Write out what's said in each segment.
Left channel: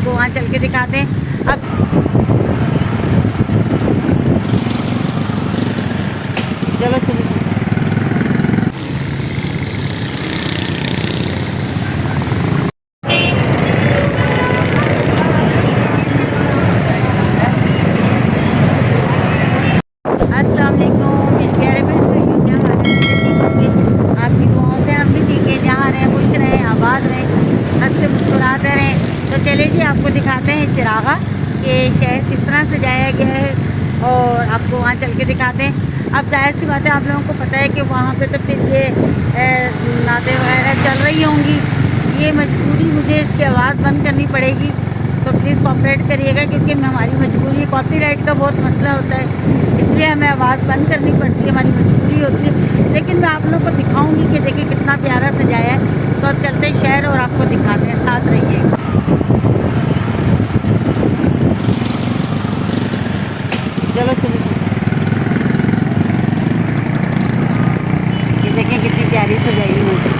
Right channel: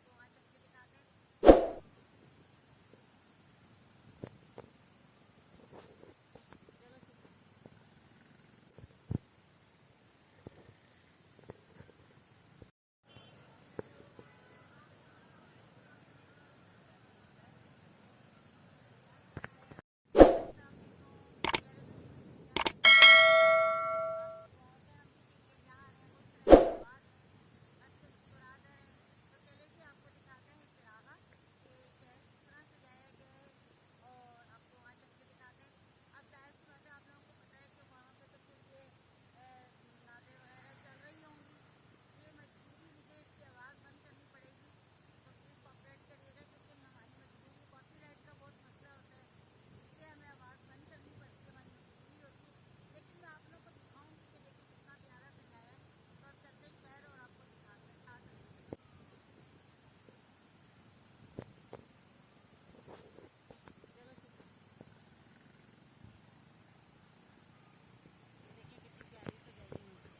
आपको वहाँ चल के दिखाते हैं। अब चलो चलो। अस्सलाम वालेकुम मेरे प्यारे बहन, क्या हाल है? ठीक होंगे, आपकी दुआओं से हम भी ठीक है। जहाँ रहें खुश रहें, आबाद रहें, हंसते मुस्कुराते रहें। तो चलिए जी, आपको दिखाते हैं चिरागा कि शहर किस तरह सजाया गया है और आपको वहाँ चल के दिखाते हैं। अब जाहिर सी बात है, आप लोगों को पता है कि वहाँ पे तो फिर ये नाते वगैरह चल रही होंगी। ये मजबूरी, मुझे इसकी आवाज़ बंद करनी पड़ेगी, तो प्लीज़ कोऑपरेट करिएगा, क्योंकि हमारी मजबूरी, कॉपीराइट का बहुत मसला होता है, इसलिए हमें आवाज़ बंद करनी पड़ती है, हमारी मजबूरी होती है। लेकिन मैं आप लोगों को दिखाऊंगी कि देखिए कितना प्यारा सजाया है। तो अब चलते हैं शहर और आपको दिखाते हैं, साथ रहिएगा। चलो चलो। ये देखें कितनी प्यारी सजाई हुई है।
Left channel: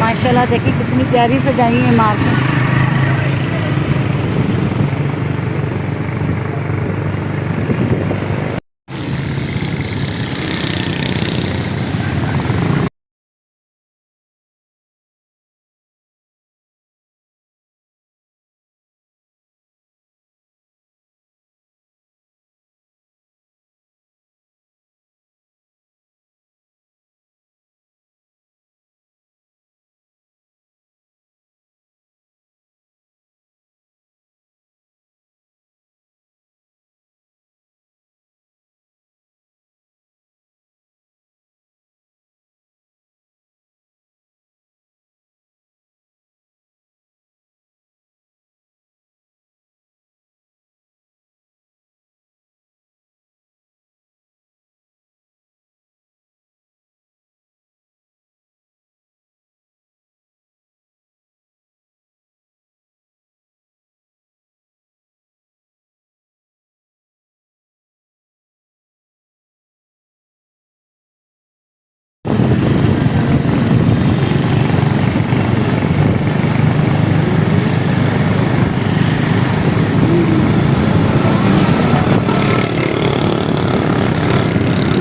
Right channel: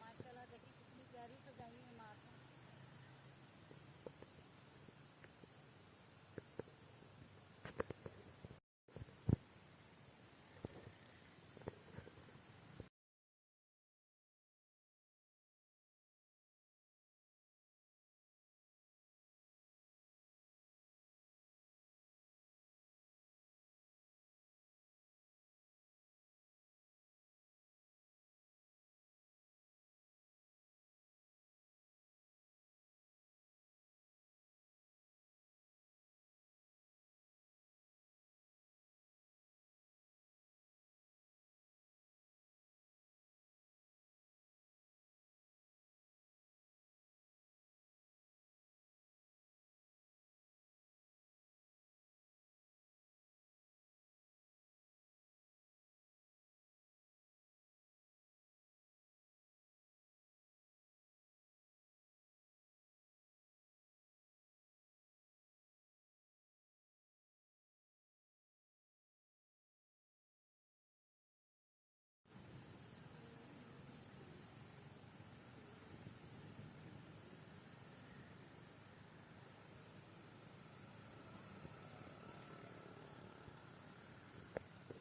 माशाल्लाह देखिए कितनी प्यारी सजाई है इमारतें।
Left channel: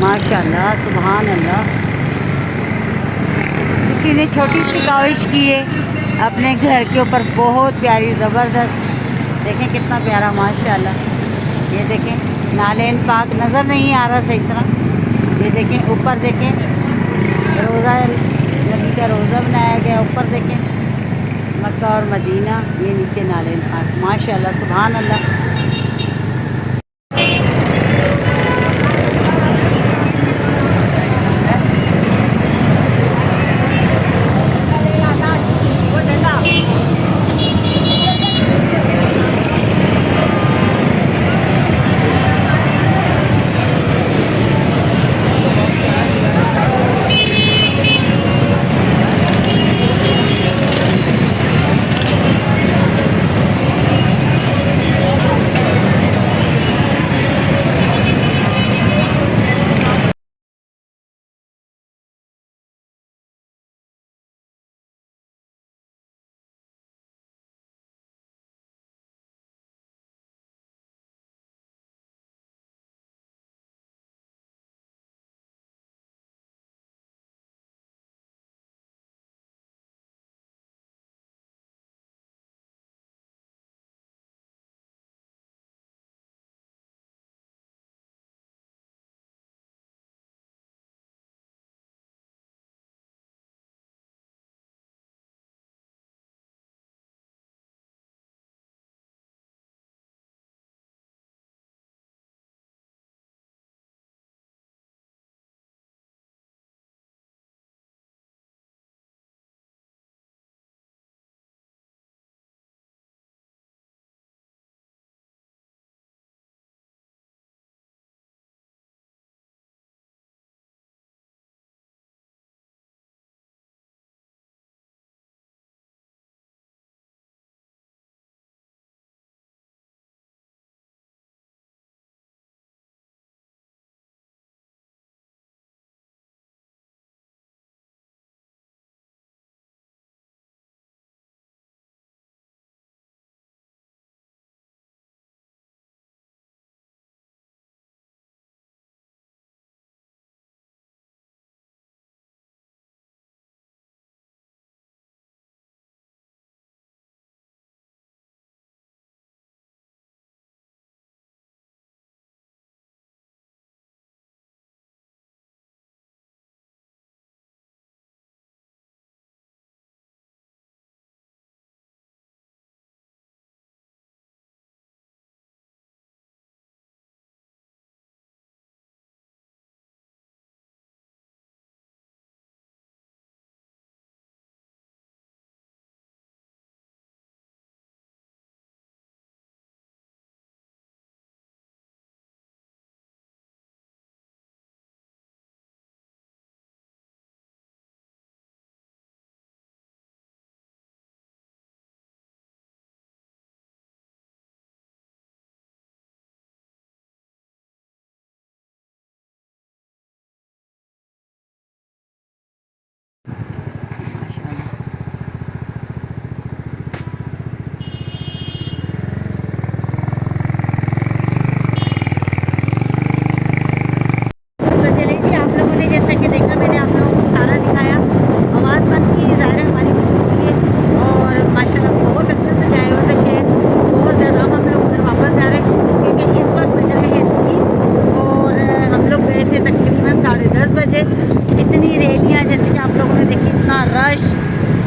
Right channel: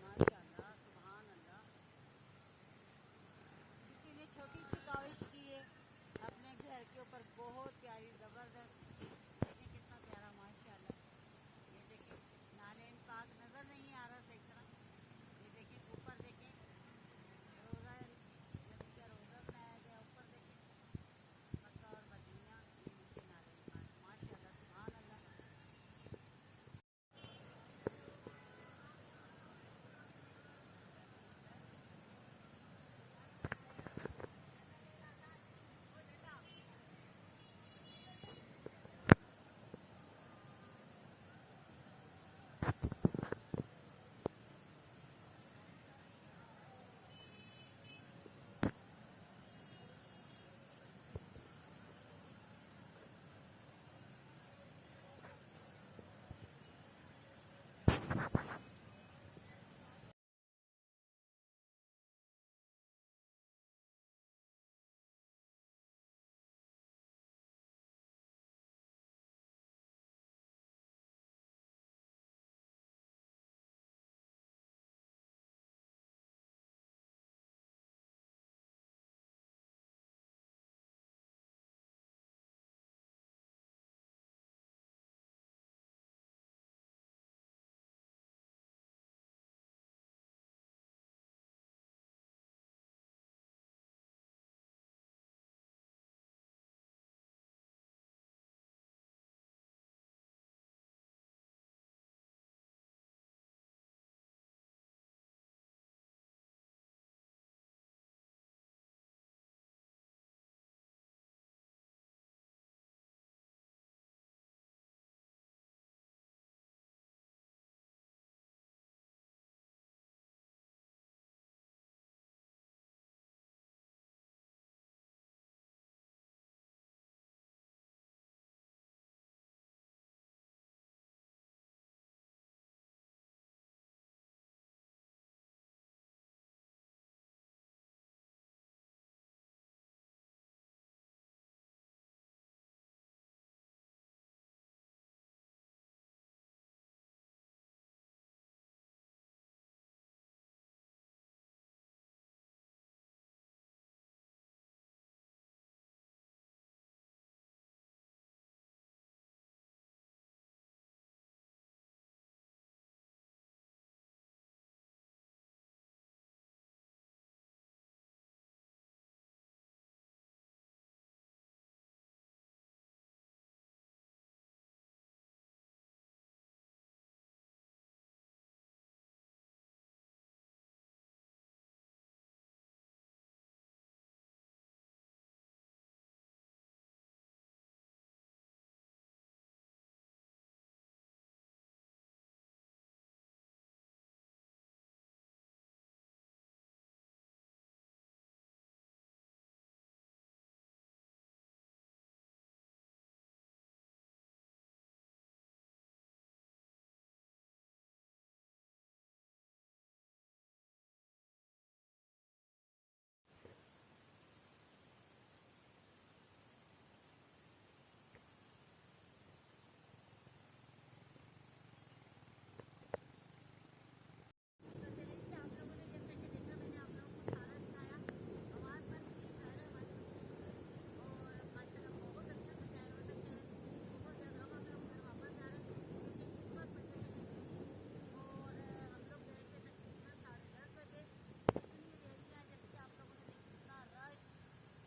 माशाल्लाह, सुभान अल्लाह। किसी ने छोटी सी काविश की है अपने घर के ऊपर, बहुत प्यारी ज़बरदस्त। देखें कितना प्यारा माशाल्लाह। ये देखें नालेन पाक नज़र नहीं आ रहा सही तरह। ये देखें ऊपर देखें रोज़ा है, नबी का रोज़ा बनाया गया। ऊपर देखें मक्का और मदीना, ये नीचे नाले नाट, माशाल्लाह सुभान अल्लाह।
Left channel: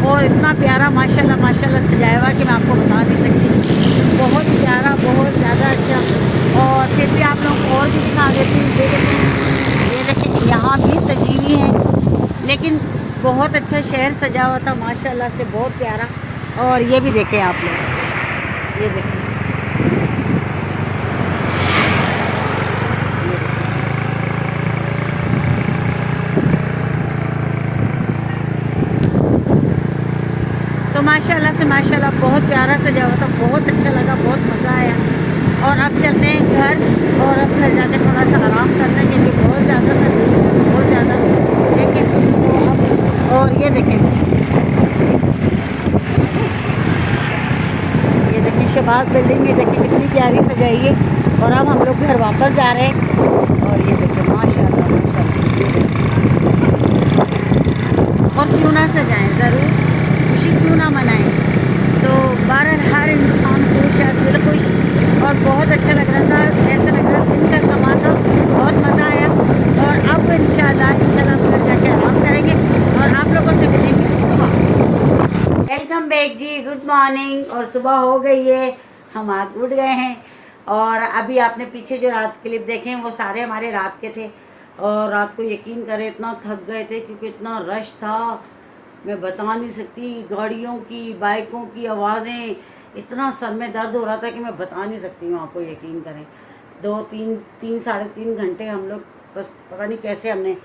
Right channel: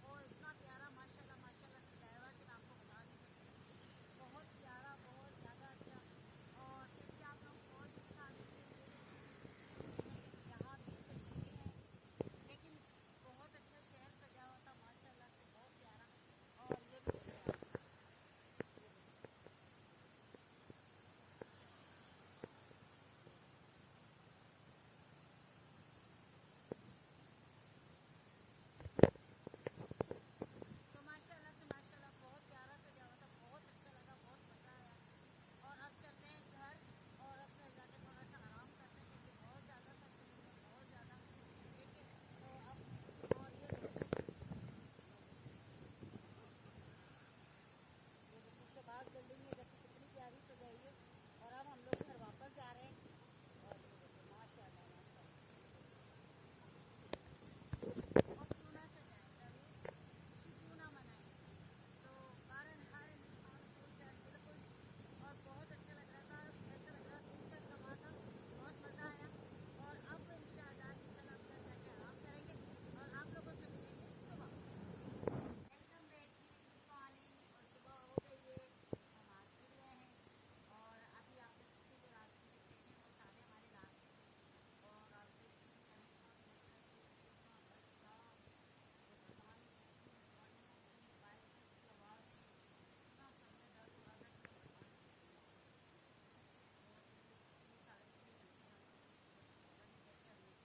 और इतना प्यारा माशाल्लाह माशाल्लाह सजाया हुआ कि मैं आपको बता नहीं सकती। बहुत प्यारा, बहुत ज़्यादा अच्छा। और फिर भी आप लोगों को और भी दिखा देती हूँ। ये देखें यहाँ भी सजी हुई है, लेकिन बहुत अच्छा शहर सजा हुआ था माशाल्लाह से, बहुत प्यारा। और ये भी देखें आप लोग, ये देखें तो माशाल्लाह से माशाल्लाह बहुत प्यारा सजा हुआ था, बहुत अच्छा लगा, बहुत मज़ा आया। और अब चलते हैं घर, और अब घर जाके थोड़ा सा आराम करने के लिए बहुत ज़्यादा था, बहुत ज़्यादा देखें। तो और ये देखें शहबाज बिल्डिंग में देखें कितनी प्यारी सजाई है। और अब हम लोग घर वापस जा रहे हैं। और ये देखें माशाल्लाह माशाल्लाह। और क्यों ना सजाएं, ज़रूर खुशी क्यों ना मनाएं। तो बहरहाल हर इंसान खुश है, दिल खुश। और बहुत अच्छा लग रहा था, ऐसा लग रहा था दिन का समा था, बहुत मज़ा आया। और अब इंशाल्लाह हम घर जाके आराम करेंगे। मॉर्निंग, और सुबह हो गई है, हम आज उठ गए हैं। और अभी आपने पीछे जो रात क्लिप देखे हैं वो सारे हमारे रात के थे। और रात को यकीन करें इतना थक गए थे क्योंकि इतना रश था, मैं बता नहीं सकती। गाड़ियों की, बाइकों की आवाज़ें, इतना सर में दर्द हो रहा था कि मैं बता नहीं सकती हूँ आपको, यकीन करें। 3 साढ़े 3 घंटे हम लोग बस पता नहीं कैसे हमने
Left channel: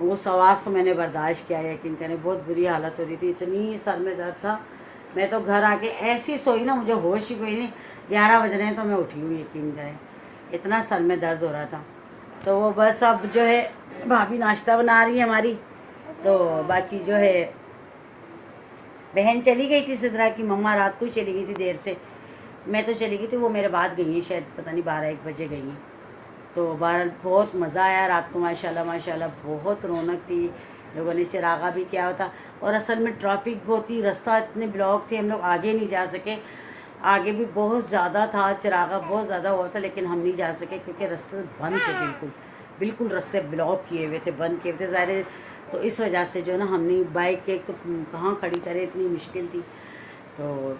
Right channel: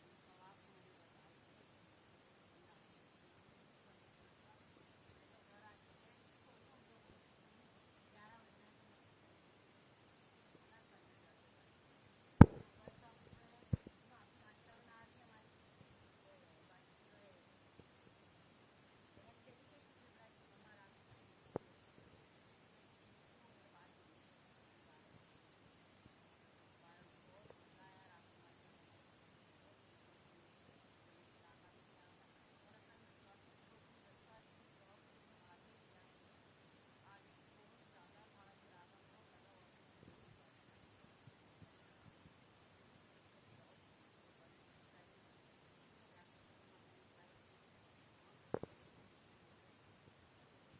वो सवास को मैंने बर्दाश्त किया, यकीन करें। बहुत बुरी हालत हो रही थी, इतनी सर में दर्द था। मैं तो घर आके ऐसी सोई ना, मुझे होश ही कोई नहीं। 11 बज रहे हैं तो मैं उठी हूँ, यकीन करें, इतना सर में दर्द हो रहा था। तो वो बस अब जो है भाभी नाश्ता बना रही है हमारी। तो बाकी जो है बहन चली गई थी सिद्रा की, मम्मा रात को ही चली गई थी देर से। मैं तो चली गई थी, वो मेरे बाद गई हैं, शायद पता नहीं 12-1 बजे गई हैं। तो बहरहाल बहुत मज़ा आया रात को, माशाल्लाह माशाल्लाह, बहुत रौनक थी। लोगों ने चिरागा भी किया होता, और असल में ट्रैफिक बहुत ही, रास्ता इतने ब्लॉक थे, हम लोग आगे नहीं जा सके। आगे भी बहुत ज़्यादा था, चिरागा बहुत ज़्यादा हुआ था, लेकिन हम नहीं जा सके क्योंकि रास्ते बंद थे, बिल्कुल बिल्कुल रास्ते ब्लॉक किए हुए थे, बंद किए हुए थे ज़ाहिर। तो इस वजह से जो ना हमने बाइक एक तो कहाँ खड़ी करें, इतनी मुश्किल थी। तो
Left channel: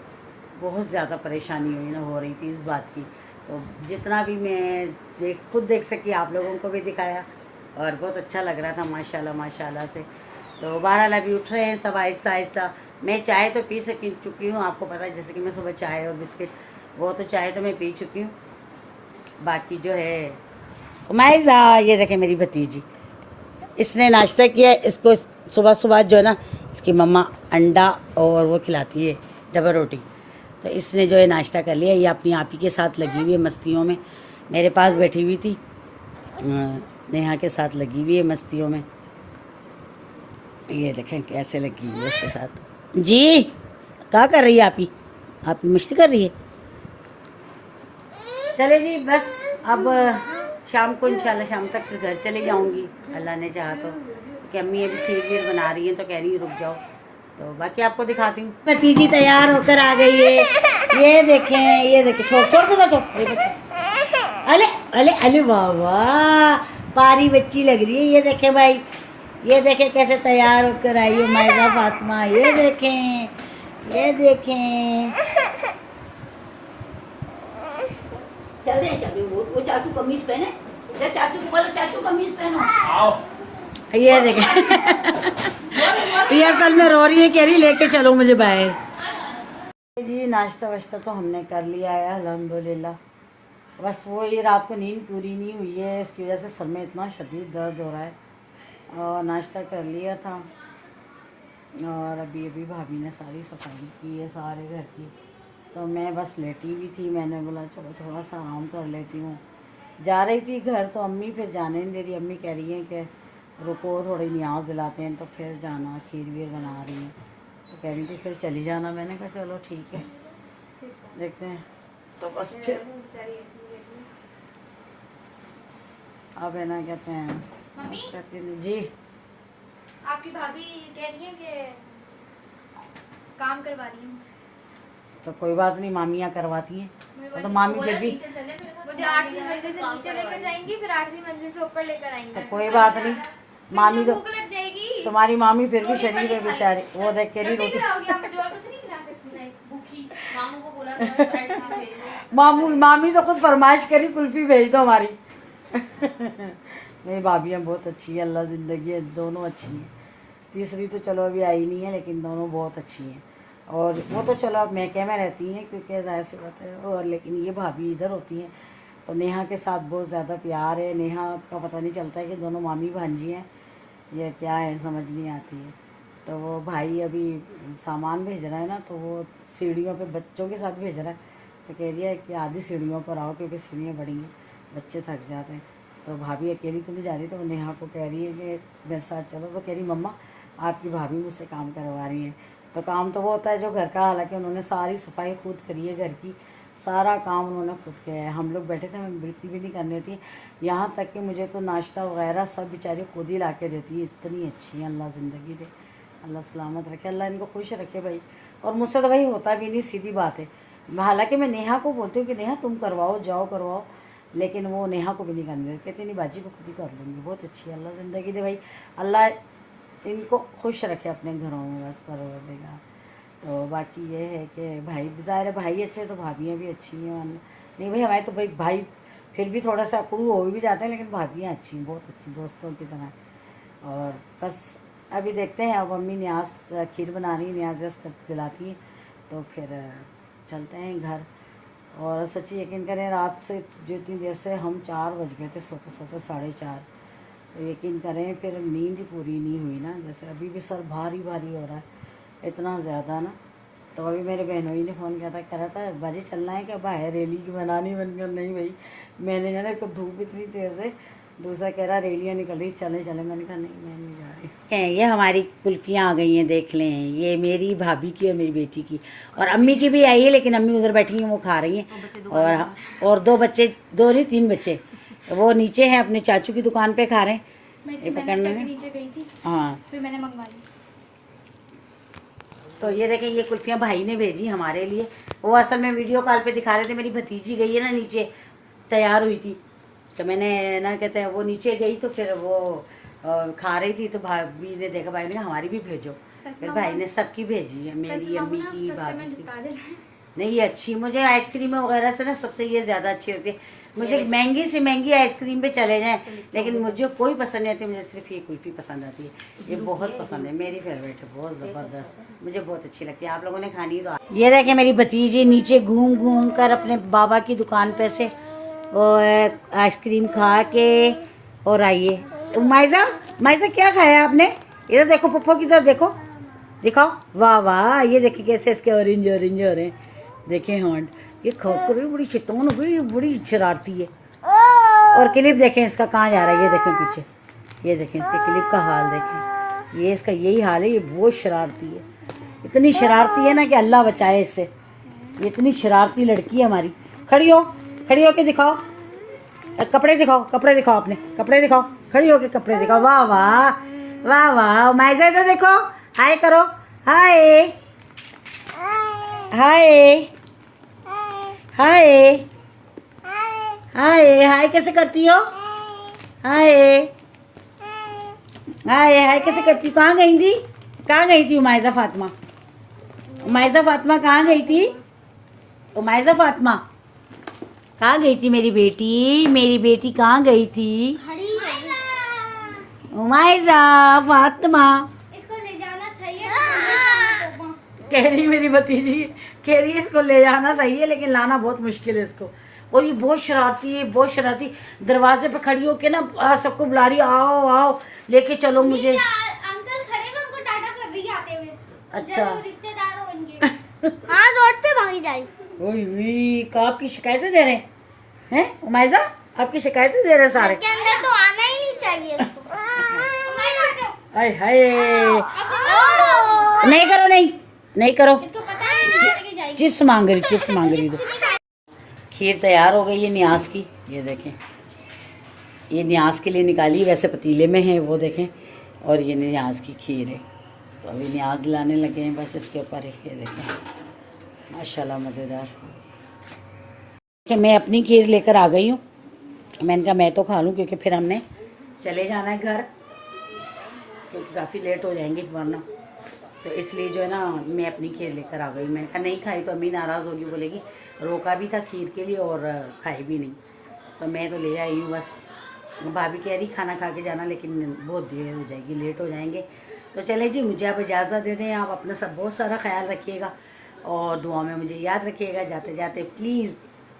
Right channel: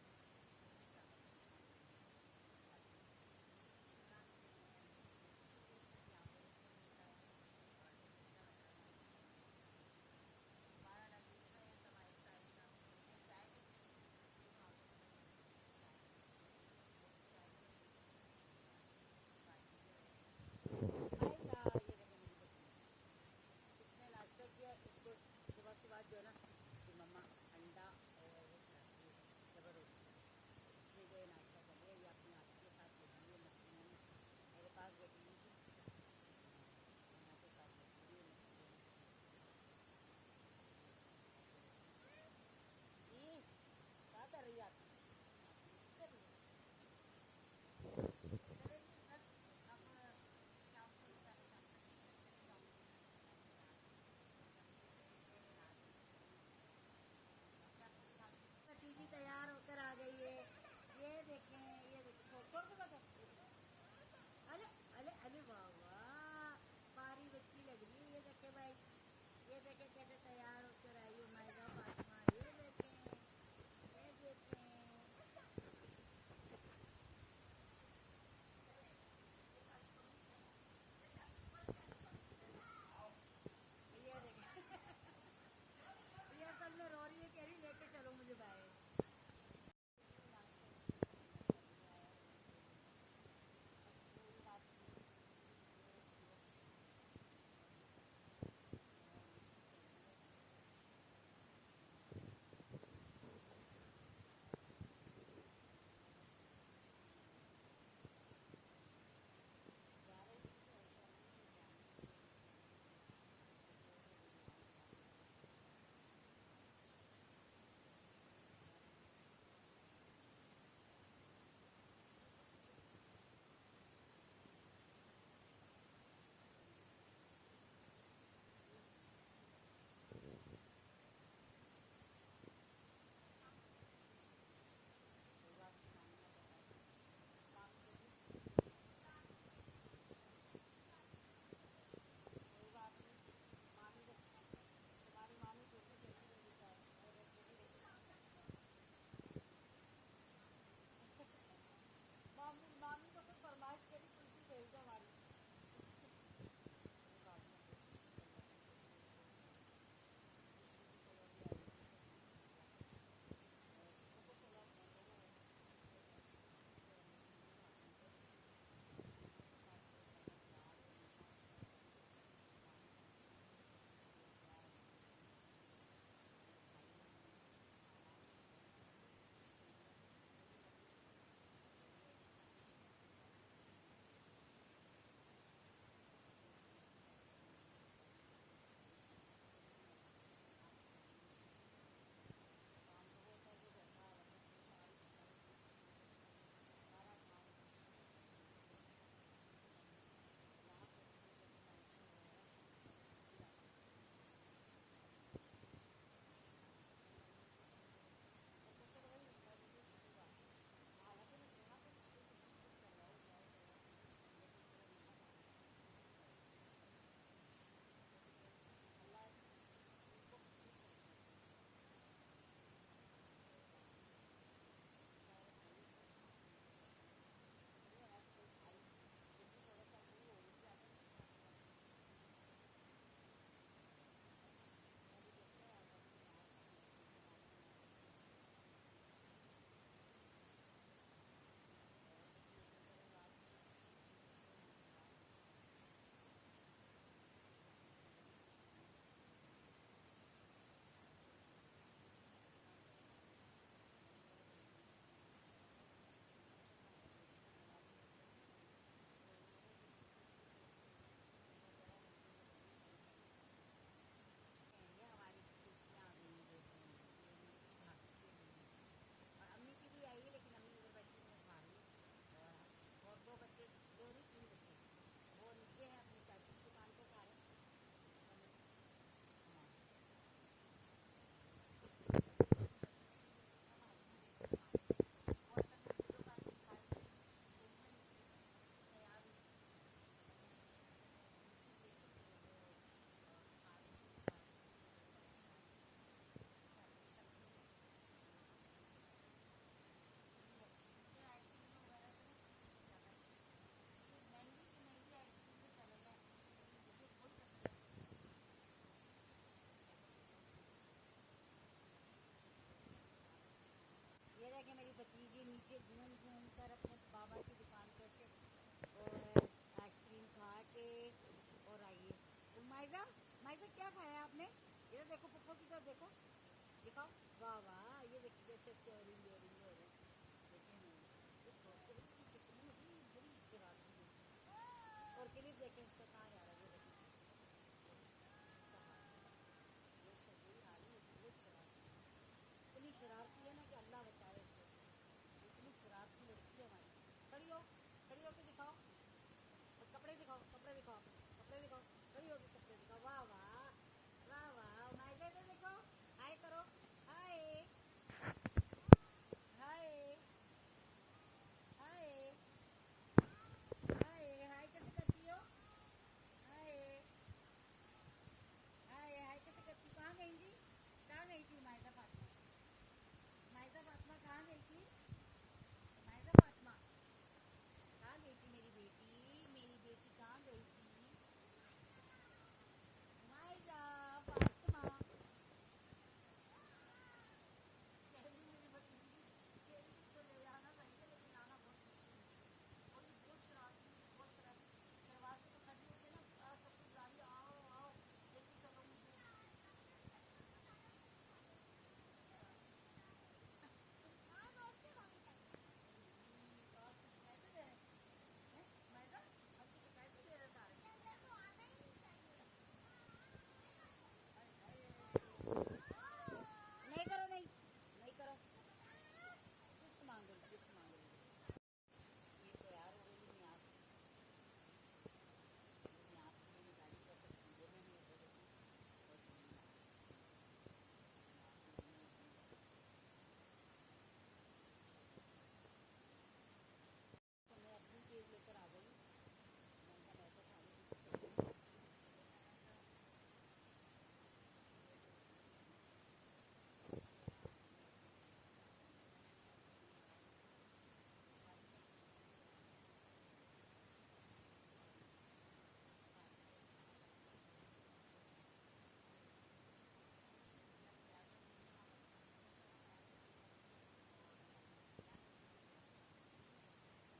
बहुत ज़्यादा परेशानी हुई ना, हो रही थी इस बात की। तो जितना भी मैं खुद देख सकी, आप लोगों को भी दिखाया, और बहुत अच्छा लग रहा था माशाल्लाह माशाल्लाह से। तो 12 अभी उठ रहे हैं सब आहिस्ता आहिस्ता। मैं चाय तो पी चुकी हूँ, आपको पता है, जैसे कि मैं सुबह चाय और बिस्किट, वो तो चाय तो मैं पी चुकी हूँ। बाकी जो है माइज़ा, ये देखें मेरी भतीजी, इसने नाश्ता किया। इसको सुबह सुबह जो है ना, इसकी मम्मा अंडा और वो खिलाती है, डबल रोटी। तो इसने जो है नाश्ता कर लिया। ये अपनी आप ही के साथ लगी हुई है मस्तियों में, मेरे पास बैठी हुई थी, नेहा के साथ लगी हुई है मस्तियों में। ये देखें कैसे लगी हुई है उसके साथ। जी क्या कर रही है आप ही मस्ती कर रही है। चले जी, बस अब शाम को इंशाल्लाह शाम तक फिर घर चले जाऊंगी, अल्लाह ने चाहा तो। कि अम्मी अभी खीर वीर बना रही हैं तो कह रही है रुक जाओ। तो बाकी आपको दिखाती हूँ। भतीजी तैयार होकर आ गई है, ये देखें, ये देखें, छोड़ छोड़ दो, छोड़। अले अले अले वाह वाह, पारी बच्ची लग रही है। ये देखें भाई, ये देखें कैसे तैयार होकर आई है माइज़ा फातिमा। ये देखें, ये देखें, चल दे वो चाचू कमीज पहने, चाचू को बोलो चाचू कमीज पहनो। ये देखें ये असल में रो रही है, कह रही लेके चलो मुझे बाहर। जी नाश्ता वाश्ता तो हमने कर लिया है अल्हम्दुलिल्लाह। बस वो ये रात को नींद पूरी नहीं हुई है, इसकी वजह से सर में इतना शदीद दर्द हो रहा है। और नाश्ता कर लिया था, और अभी अभी भाभी ने सारी सफाई की है सारे घर की। तो मैं बस लेटी हुई थी, मैंने बोला चलो थोड़ा सा आराम कर लेती हूँ। जा रही थी घर तो अम्मी फिर जाने नहीं दे रही। अम्मी कह रही हैं कि रुको थोड़ी न्याज दिलाते हैं, तो फिर जाना, खीर वीर बना रही हैं तो कह रही थी फिर चली जाना। मैंने कहा चलो ठीक है, देखते हैं। तो बस फिर अब है ना, कहते हैं जी, आपकी भाभी कह रही है कि काम करवा रही है मुझसे। तो कोई बात नहीं, मामियाँ करवाती हैं। तो मामी फिर भी मुझे 8वीं मंजिल से नीचे लेकर जाएंगी, फिर 8वीं मंजिल से ऊपर लेकर आएंगे। तो कोई बात नहीं, मामी तो भूख लग जाएगी। तुम्हारी मामी फिर भी शरीफ है बेचारी, वो देख के रही रोटी। मामी तो खुद फरमाइश करी कुल्फी भेज दो हमारी। मेरी भाभियाँ बहुत अच्छी है, अल्लाह ज़िंदगी है, दोनों अच्छी हैं। तीसरी तो चलो अभी आई नहीं है, लेकिन दोनों बहुत अच्छी हैं। और वो तो चलो अब मैके में रहती हैं क्योंकि ज़ाहिर सी बात है, और लेकिन ये भाभी इधर होती हैं तो नेहा के साथ बहुत ज़्यादा प्यार है। नेहा का पता नहीं चलता है कि दोनों मामी भांजी हैं, ये क्या है समझ नहीं आती है। तो वो भाई अभी सामान भेज रहा है ना, तो वो सीढ़ियों पे बच्चों के साथ भेज रहा है। तो कह रही है कि आधी सीढ़ियों पर आओ क्योंकि सीढ़ियाँ बड़ी हैं, बच्चे थक जाते हैं। तो भाभी अकेली तो नहीं जा रही, तो वो नेहा को कह रही है कि मेरे साथ चलो। तो कह रही मम्मा आपकी भाभी मुझसे काम करवा रही हैं। तो काम तो वो होता है जो घर का, हालांकि उन्होंने सारी सफाई खुद करी है, घर की सारा काम उन्होंने खुद किया है। हम लोग बैठे थे, मैं बिल्कुल भी नहीं करनी थी, यहाँ तक कि मुझे तो नाश्ता वगैरह सब बेचारी खुद ही ला के देती है। इतनी अच्छी है, अल्लाह ज़िंदगी दे, अल्लाह सलामत रखे, अल्लाह इनको खुश रखे भाई। और मुझसे तो भाई होता भी नहीं, सीधी बात है। हालांकि मैं नेहा को बोलती हूँ कि नेहा तुम करवाओ, जाओ करवाओ, लेकिन वो नेहा को भी नहीं करने देती, कहती नहीं बाजी को खुद ही कर लूँगी। बहुत अच्छी है, अल्लाह ज़िंदगी दे भाई, अल्लाह इनको खुश रखे अपने घरों में, बस परवर देगा। तो बाकी ये है कि भाई ज़ाहिर है भाई अच्छे तो भाभियाँ भी अच्छी हैं नहीं भाई हमारे तो भाई फिर भी थोड़ा सा अकड़ू हो भी जाते हैं, लेकिन भाभियाँ अच्छी हैं, बहुत अच्छी दोस्तों की तरह। और बस अभी देखते हैं, अब मम्मी न्याज खीर बना रही है, न्याज वस कर दिलाती हैं तो फिर चलते हैं घर। और सच्ची यकीन करें रात से जो इतनी देर से हम 4 बज गए थे सोते सोते 4:30, तो यकीन करें फिर नींद ही पूरी नहीं हुई ना। जैसे अभी भी सर भारी भारी हो रहा है इतना ज़्यादा ना। तो अभी मेरे बहनोई ने फ़ोन किया था, कह रहा था बाजी चलना है क्या बाहर रैली की बनानी बन गया। नहीं भाई मैंने जाना एक तो धूप इतनी तेज़ है, दूसरा कह रहा रैलियाँ निकल रही चले चले। मैंने कहा नहीं मैं नहीं जा रही। ये हमारी कुल्फ़ियाँ आ गई हैं, देख लें, ये मेरी भाभी की और मेरी बेटी की और अम्मी की भी आई है, लेकिन अम्मी उधर बैठी हैं वो खा रही हैं। और 2 बच्चे, 2 नहीं 3 बच्चे वो नीचे हैं अपने चाचू की दुकान पे खा रहे हैं। ये पकड़ने में नीचे गई थी, हाँ फिर मैंने मंगवा ली। तो ये देखें ये कुल्फियाँ भाई ने भेजी हमारे लिए। वो असल में वीडियो कॉल पे दिखा रहे थे, मेरी भतीजी गई है ना नीचे, तैयार हुई थी, तो मैंने ना कहते हैं वो नीचे गई तो फिर वो खा रही थी, तो भाभी ने देखा, भाई ने कहा हमारी भी भेजो, फिर भाई ने सबकी भेजी है, मेरी अम्मी की भाभी की। नहीं ये अच्छी, मुझे आइसक्रीम वगैरह से ना सबसे ये ज़्यादा अच्छी होती है। मुझे महंगी से महंगी आइसक्रीम पे चले जाएं, लेकिन मुझे कोई पसंद नहीं आती, मुझे सिर्फ ये कुल्फ़ी पसंद आती है, ये बहुत पसंद है, मेरी फेवरेट है, बहुत ज़बरदस्त, मुझे बहुत अच्छी लगती है। आप लोगों ने खानी है तो ये देखें मेरी भतीजी नीचे घूम घूम कर अपने बाबा की दुकान पे से और आइसक्रीम खा के और आइए। माइजा माइजा क्या खाया आपने? इधर देखो पप्पो की तरफ देखो, दिखाओ, वाह वाह, ये देखिए कैसे इसके ऑरेंज ऑरेंज हो रहे हैं, देखें हॉन्ड, ये खोकर भी बड़ी चितौन हो गई, बड़ी शरारती है। और क्लिप देखें इसका कहाँ जा रहा है, ये देखें पीछे, ये देखें इसके क्लिप का हाल देखें, ये इसका यही हाल है, ये बहुत शरारती है, इतनी शरारती है ना कि अल्लाह बचाए इससे, ये इतनी शरारती लड़की है हमारी। खड़ी हो के दिखाओ, कपड़े दिखाओ, कपड़े दिखाओ, अपने कपड़े दिखाओ, खड़ी हो के कपड़े दिखाओ, वाह वाह वाह वाह। माइजा इधर देखो, हाय करो, हाय हाय हाय हाय हाय कैसे करती हो? हाय हाय हाय कैसे करती हो? कहाँ गई थी, कहाँ गई थी उमाइजा फातिमा? उमाइजा फातिमा कहाँ गई थी? उमाइजा फातिमा कहाँ गई थी? मेरी बेटी कहाँ गई थी? उमाइजा फातिमा इसको ले जाना सही है। कह रही मेरी भतीजी, कह रही है इसको ले जाना सही है लेकिन लाना बहुत मुश्किल है इसको। और ये बहुत शरारती है, बहुत शरारती, दरवाजे पे खड़ी होके ना सबको बुला रही, आओ आओ लेके चलो मुझे। अंकल खड़े हैं, उनको टाटा कर रही है आते हुए। अच्छा रिश्तेदार हो इनके। हाँ रोड पे भागी जाए। ओए का आपकी शिकायतें दे रहे हैं उमाइजा, आपकी शिकायतें दे रहे हैं सारे। के अंदर तो आना ही नहीं चाहिए इसको। हाय हाय नहीं करो, नहीं करो, इसको पता है चिप्स मांग रही तो। खीर तैयार हो गई है न्याज की, ये देखें, ये न्याज के लिए निकाली, वैसे पतीले में है वो देखें, और ये न्याज की खीर है, तो अभी न्याज लाने लगे हैं बस इसके ऊपर, ये देखें माशाल्लाह मज़ेदार। कि मैं अपनी खीर लेकर आ गई हूँ, मैंने कहा मैं तो खा लूँ क्योंकि फिर हमने चले जाना है घर, क्योंकि काफ़ी लेट हो जाएंगे वरना, तो इसलिए जो है ना मैं अपनी खीर लेकर आ गई। मैंने कहा नहीं खाई तो अम्मी नाराज़ होगी, बोलेगी रोका भी था खीर के लिए और खाई भी नहीं, तो मैं तो ले आई हूँ बस। भाभी कह रही खाना खा के जाना, लेकिन बहुत देर हो जाएगी, लेट हो जाएंगे। तो चले जी, मुझे आप इजाज़त दे दें, आप अपना सब बहुत सारा ख्याल रखिएगा और दुआ में मुझे याद रखिएगा। जाते जाते प्लीज़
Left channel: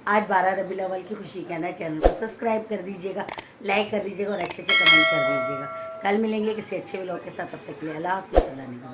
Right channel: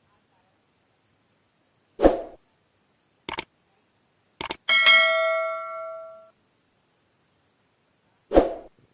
आज 12 रबीउल अव्वल की खुशी के अंदर चैनल को सब्सक्राइब कर दीजिएगा, लाइक कर दीजिएगा और अच्छे से कमेंट कर दीजिएगा। कल मिलेंगे किसी अच्छे व्लॉग के साथ, तब तक के लिए अल्लाह हाफ़िज़।